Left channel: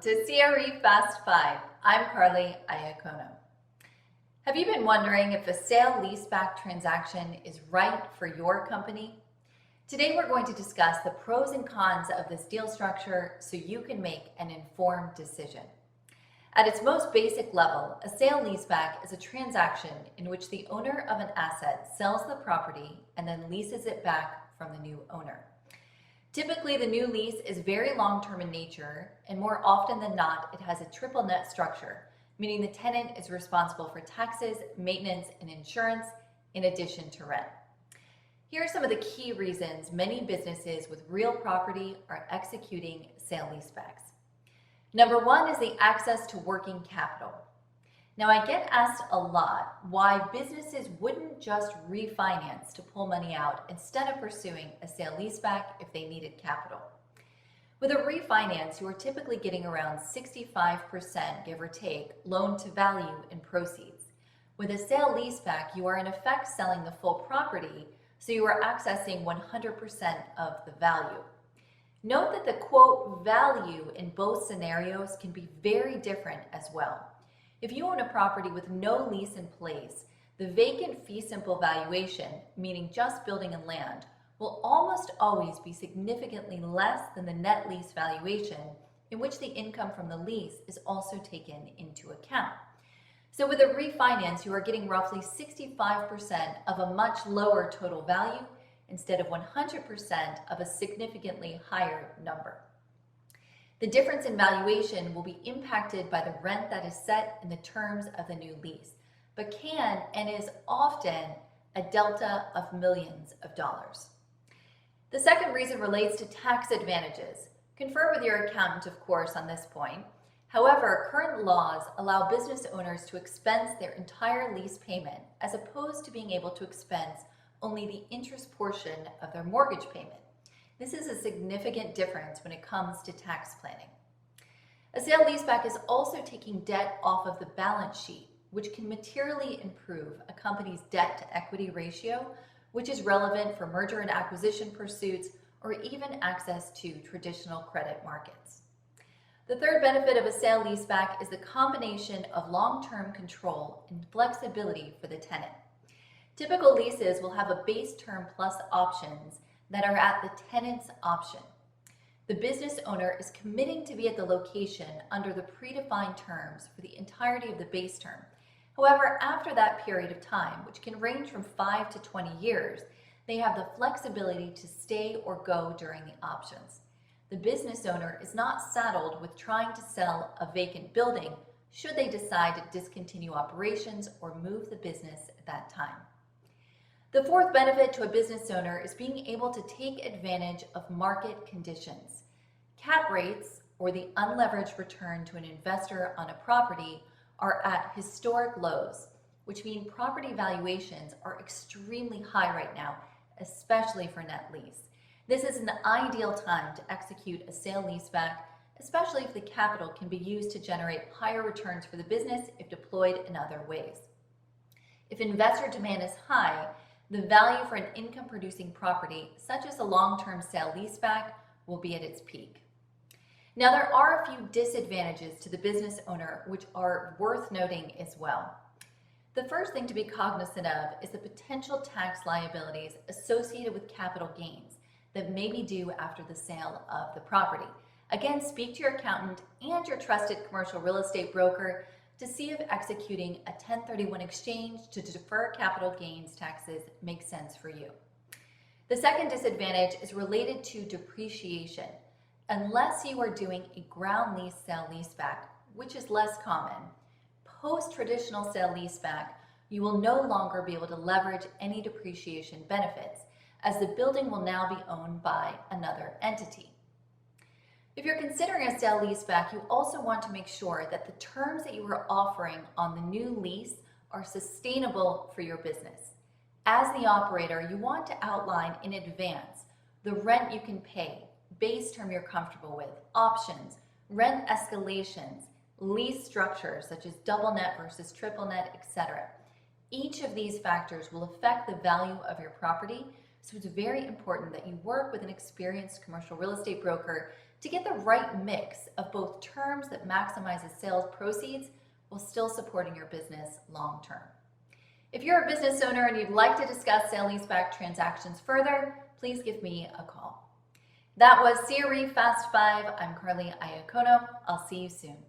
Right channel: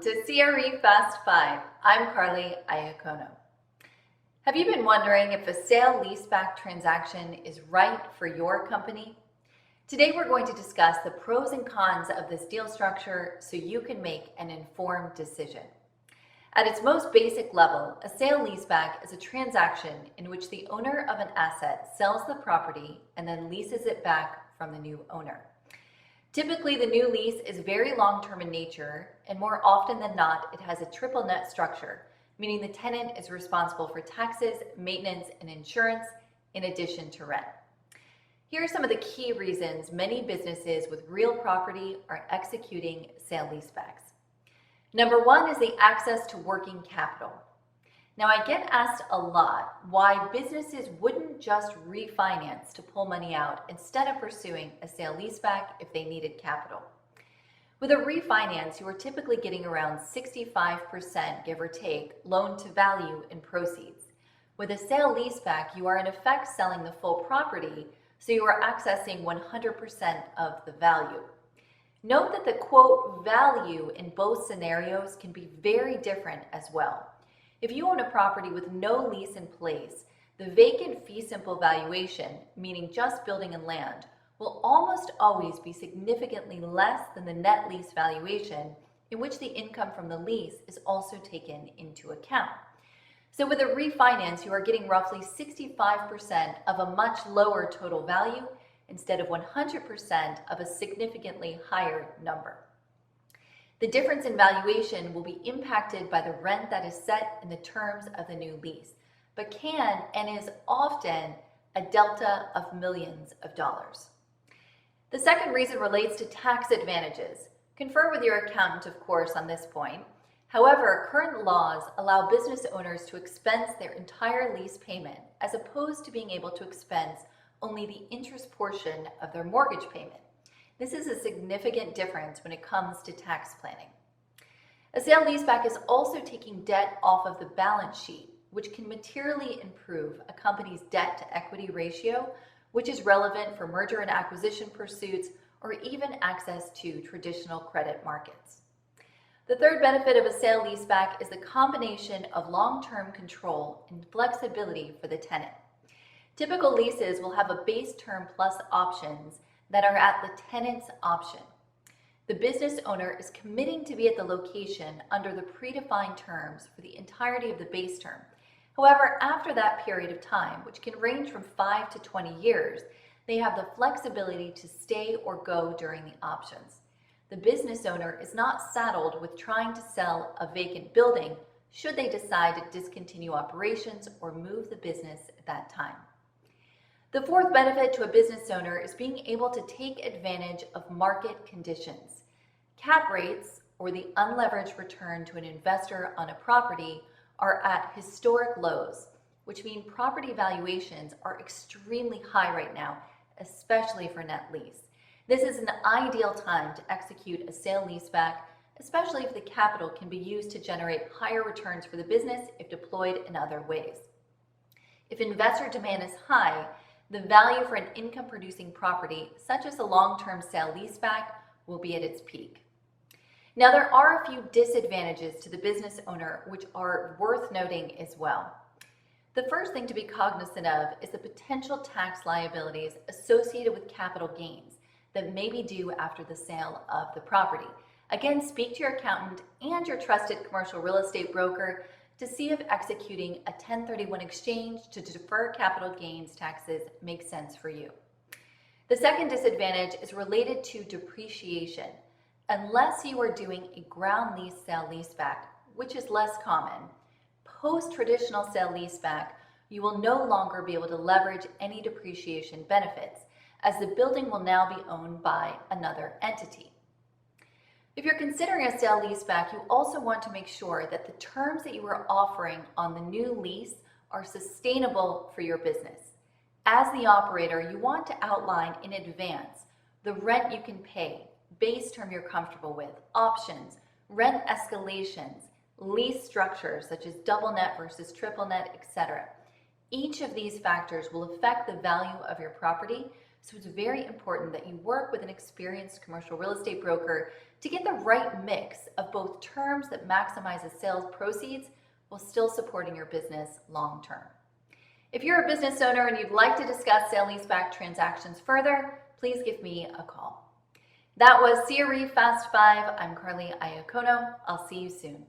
to CRE Fast 5. I'm Carly Iacono. Have you been wondering if a sale-leaseback transaction is right for your company? Today we're going to discuss the pros and cons of this deal structure so you can make an informed decision. At its most basic level, a sale-leaseback is a transaction in which the owner of an asset sells the property and then leases it back from the new owner. Typically, the new lease is very long-term in nature, and more often than not, it has a triple net structure, meaning the tenant is responsible for taxes, maintenance, and insurance, in addition to rent. Here are some of the key reasons many businesses with real property are executing sale-leasebacks. Number one is the access to working capital. Now, I get asked a lot why businesses wouldn't just refinance to pull money out instead of pursuing a sale-leaseback if they needed capital. With a refinance, you are typically getting around 65%, give or take, loan to value in proceeds. With a sale-leaseback, you are in effect selling the full property, so you are accessing 100% of the value. Note that the quote value in both scenarios can be very different as well. If you own a property with no lease in place, the vacant fee simple valuation, meaning just building and land, will almost always be significantly less than the net lease valuation, in which the income from the lease is also taken into account. So with a refinance, you are getting roughly 65% of a much lower total value instead of 100% of a significantly higher number. The difference in valuation will be impacted by the rent that is set in the terms of the new lease, but can and is often a delta of millions of dollars. The second reason relates to tax advantages. Confer with your accountant, of course, on this point. However, current laws allow business owners to expense their entire lease payment as opposed to being able to expense only the interest portion of their mortgage payment. This is a significant difference when it comes to tax planning. A sale-leaseback is also taking debt off of the balance sheet, which can materially improve a company's debt-to-equity ratio, which is relevant for merger and acquisition pursuits or even access to traditional credit markets. The third benefit of a sale-leaseback is the combination of long-term control and flexibility for the tenant. Typical leases will have a base term plus options that are at the tenant's option. The business owner is committing to be at the location under the predefined terms for the entirety of the base term. However, after that period of time, which can range from 5 to 20 years, they have the flexibility to stay or go during the options. The business owner is not saddled with trying to sell a vacant building should they decide to discontinue operations or move the business at that time. The fourth benefit to a business owner is being able to take advantage of market conditions. Cap rates, or the unleveraged return to an investor on a property, are at historic lows, which mean property valuations are extremely high right now, especially for net lease. This is an ideal time to execute a sale-leaseback, especially if the capital can be used to generate higher returns for the business if deployed in other ways. If investor demand is high, the value for an income-producing property, such as a long-term sale-leaseback, will be at its peak. Now, there are a few disadvantages to the business owner which are worth noting as well. The first thing to be cognizant of is the potential tax liabilities associated with capital gains that may be due after the sale of the property. Again, speak to your accountant and your trusted commercial real estate broker to see if executing a 1031 exchange to defer capital gains taxes makes sense for you. The second disadvantage is related to depreciation. Unless you are doing a ground lease sale-leaseback, which is less common, post-traditional sale-leaseback, you will no longer be able to leverage any depreciation benefits, as the building will now be owned by another entity. If you're considering a sale-leaseback, you also want to make sure that the terms that you are offering on the new lease are sustainable for your business. As the operator, you want to outline in advance the rent you can pay, base term you're comfortable with, options, rent escalations, lease structures such as double net versus triple net, etc. Each of these factors will affect the value of your property, So it's very important that you work with an experienced commercial real estate broker to get the right mix of both terms that maximizes sales proceeds while still supporting your business long term. If you're a business owner and you'd like to discuss sale-leaseback transactions further, please give me a call. That was CRE Fast 5. I'm Carly Iacono. I'll see you soon.